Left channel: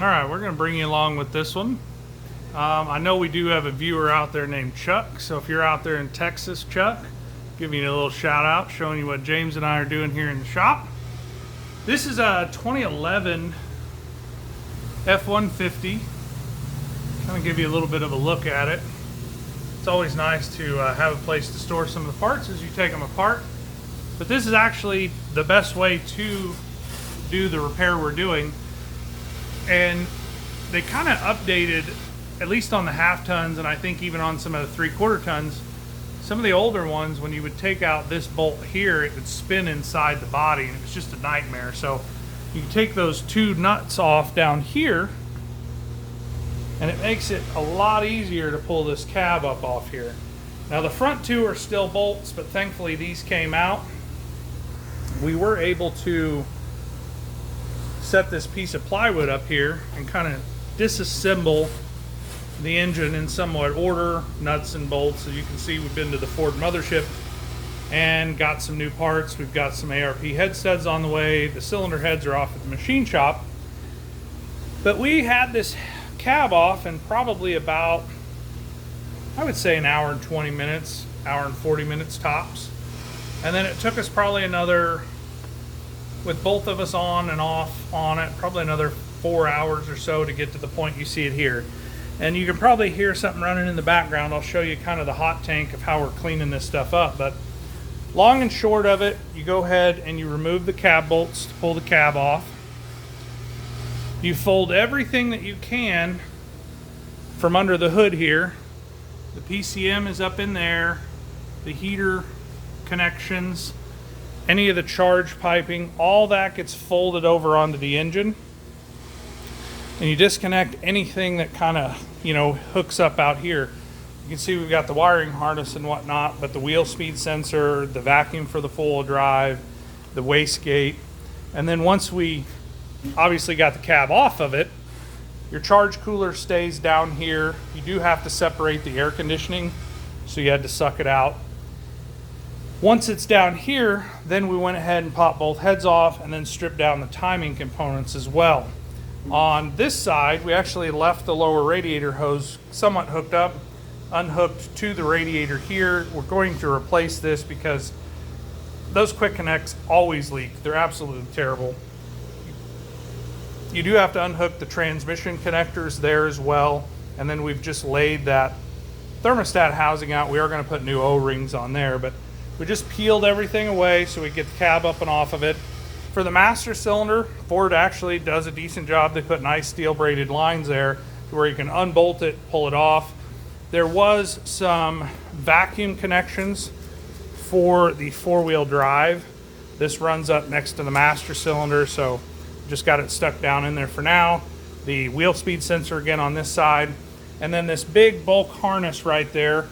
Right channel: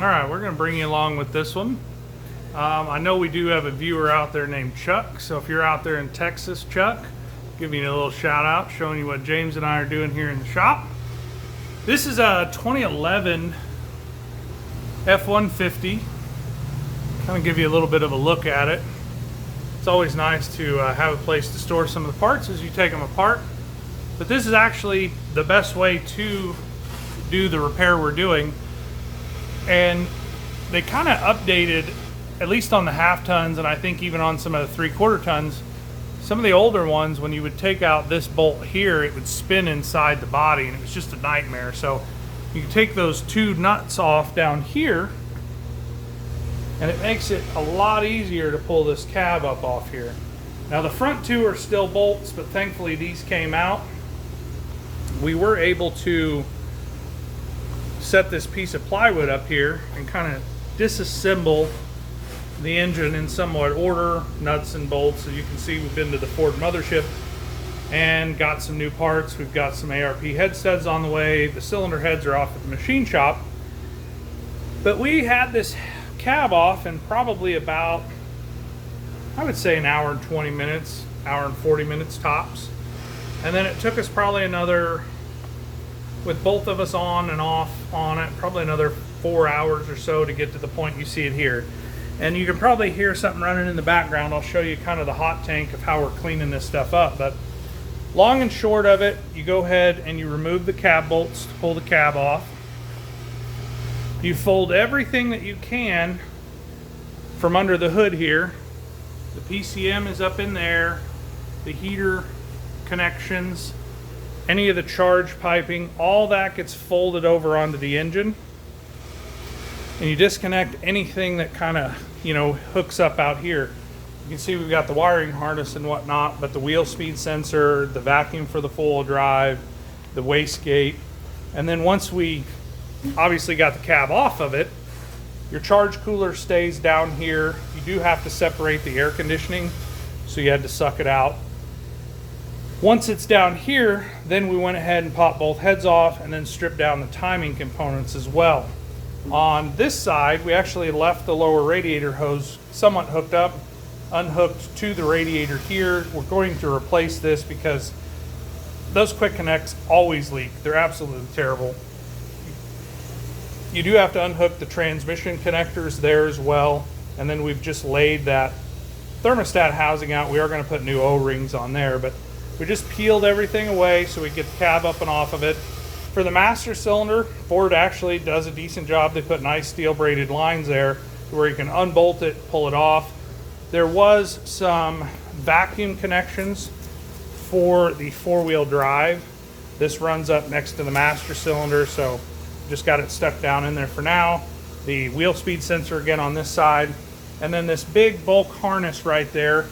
All right, we're going to bring you along with this one. I know we do have a viewer out there named Chuck, so if you're out there in Texas, Chuck, give you a little shout out showing you what James and I are doing here in the shop. This is a 2011 F150. I'm going to give you a little bit of a look at it. It's always nice to have a place to store some of the parts as you take them apart. But this is actually the best way to do the repair we're doing. And they kind of updated, at least on the half tons, and I think even on some of the 3/4 tons, some of the older ones, when you would take out this bolt here, it would spin inside the body, and it was just a nightmare. So you can take those two nuts off down here, and it makes it a lot easier to pull this cab up off here. Now the front two are still bolts, but thankfully these came out. We were able to set this piece of plywood up here and kind of disassemble the engine in somewhat order, nuts and bolts. As you can see, we've been to the Ford mothership and got some new parts. We've got some ARP head studs on the way. The cylinder heads are off at the machine shop. But we had this cab off in probably about, I would say, an hour and 20 minutes, hour and 40 minutes tops. And then it took us probably another, with both of us on and off on it, probably another 4 hours or so to get to the point you see it here. And you can probably hear something running in the background. I'll show you kind of the hot tank of how we're cleaning this stuff up. But long and short of it, you go ahead and you remove the cab bolts to pull the cab off. You fold everything that you can from under the hood here. The PCM is up in there, the heater connections, any of the charge piping, all that gets folded over onto the engine. And you disconnect anything that kind of, hooks up out here. You can see we've got the wiring harness and whatnot, but the wheel speed sensor, the vacuum for the four-wheel drive, the wastegate. And then once we obviously got the cab off of it, your charge cooler stays down here. You do have to separate the air conditioning, so you had to suck it out. Once it's down here, then we went ahead and popped both heads off and then stripped down the timing components as well. On this side, we actually left the lower radiator hose somewhat hooked up, unhooked to the radiator here. We're going to replace this because those quick connects always leak. They're absolutely terrible. You do have to unhook the transmission connectors there as well. And then we've just laid that thermostat housing out. We are going to put new O-rings on there, but we just peeled everything away so we get the cab up and off of it. For the master cylinder, Ford actually does a decent job. They put nice steel braided lines there where you can unbolt it, pull it off. There was some vacuum connections for the four-wheel drive. This runs up next to the master cylinder, so just got it stuck down in there for now. The wheel speed sensor again on this side. And then this big bulk harness right there,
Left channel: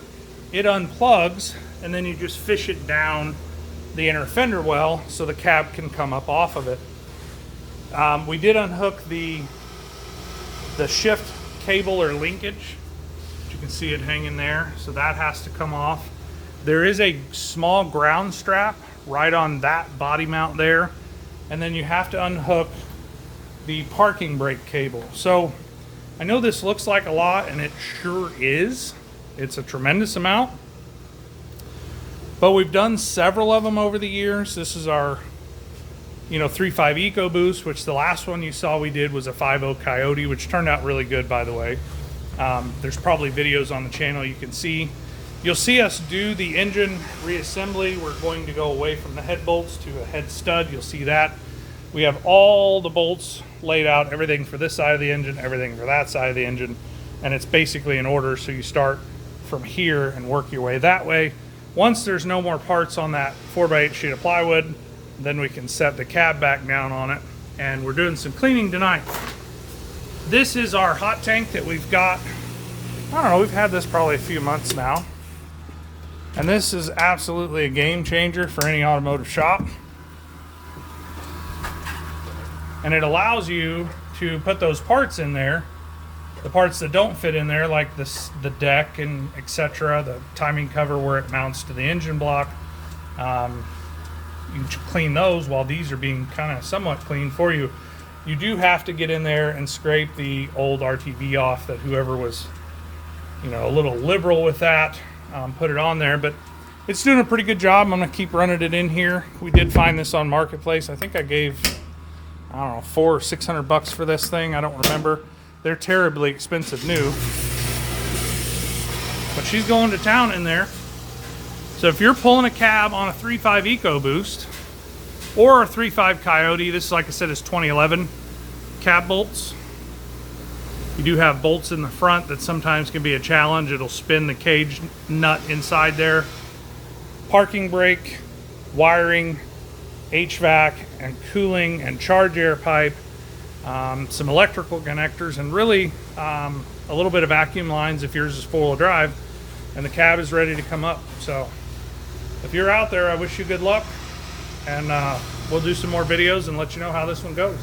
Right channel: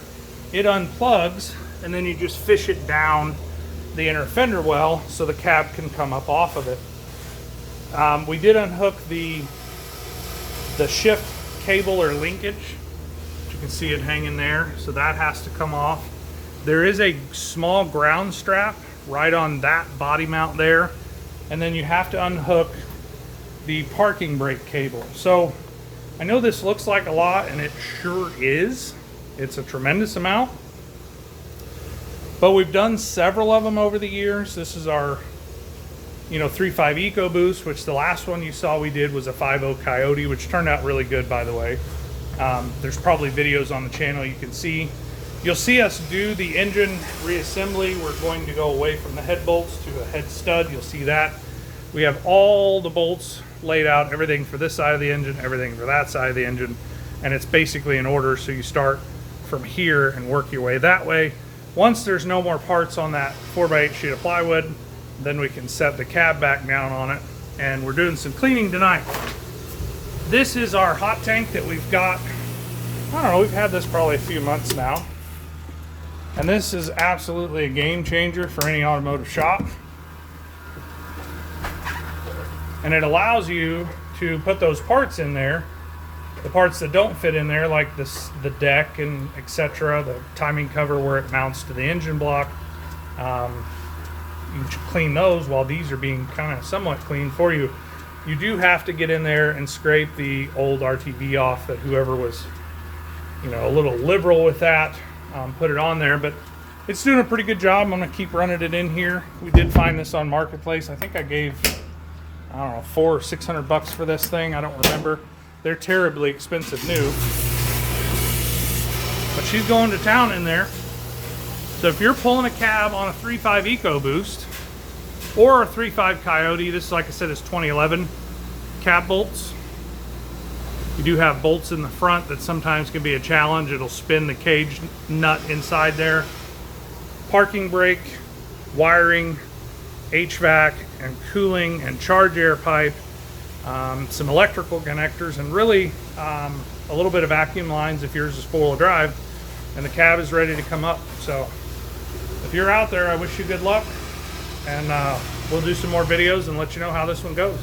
it unplugs, and then you just fish it down the inner fender well so the cab can come up off of it. We did unhook the shift cable or linkage. You can see it hanging there, so that has to come off. There is a small ground strap right on that body mount there, and then you have to unhook the parking brake cable. So I know this looks like a lot, and it sure is. It's a tremendous amount. But we've done several of them over the years. This is our 3.5 EcoBoost, which the last one you saw we did was a 5.0 Coyote, which turned out really good, by the way. There's probably videos on the channel you can see. You'll see us do the engine reassembly. We're going to go away from the head bolts to a head stud. You'll see that. We have all the bolts laid out, everything for this side of the engine, everything for that side of the engine, and it's basically in order, so you start from here and work your way that way. Once there's no more parts on that 4x8 sheet of plywood, then we can set the cab back down on it, and we're doing some cleaning tonight. This is our hot tank that we've got. I don't know, we've had this probably a few months now, and this is absolutely a game changer for any automotive shop. And it allows you to put those parts in there, the parts that don't fit in there, like this, the deck and etc., the timing cover where it mounts to the engine block. You clean those while these are being kind of somewhat cleaned for you. You do have to get in there and scrape the old RTV off that whoever was, you know, a little liberal with that, put it on there, but it's doing a pretty good job. I'm gonna keep running it in here. We did find this on Marketplace. I think I gave, I don't know, $400 or $600 for this thing. I don't remember. They're terribly expensive new. But she's going to town in there. So if you're pulling a cab on a 3.5 EcoBoost or a 3.5 Coyote, this, like I said, is 2011 cab bolts. You do have bolts in the front that sometimes can be a challenge. It'll spin the cage nut inside there. Parking brake, wiring, HVAC and cooling and charge air pipe, some electrical connectors, and really a little bit of vacuum lines if yours is four-wheel drive, and the cab is ready to come up. So if you're out there, I wish you good luck, and we'll do some more videos and let you know how this one goes.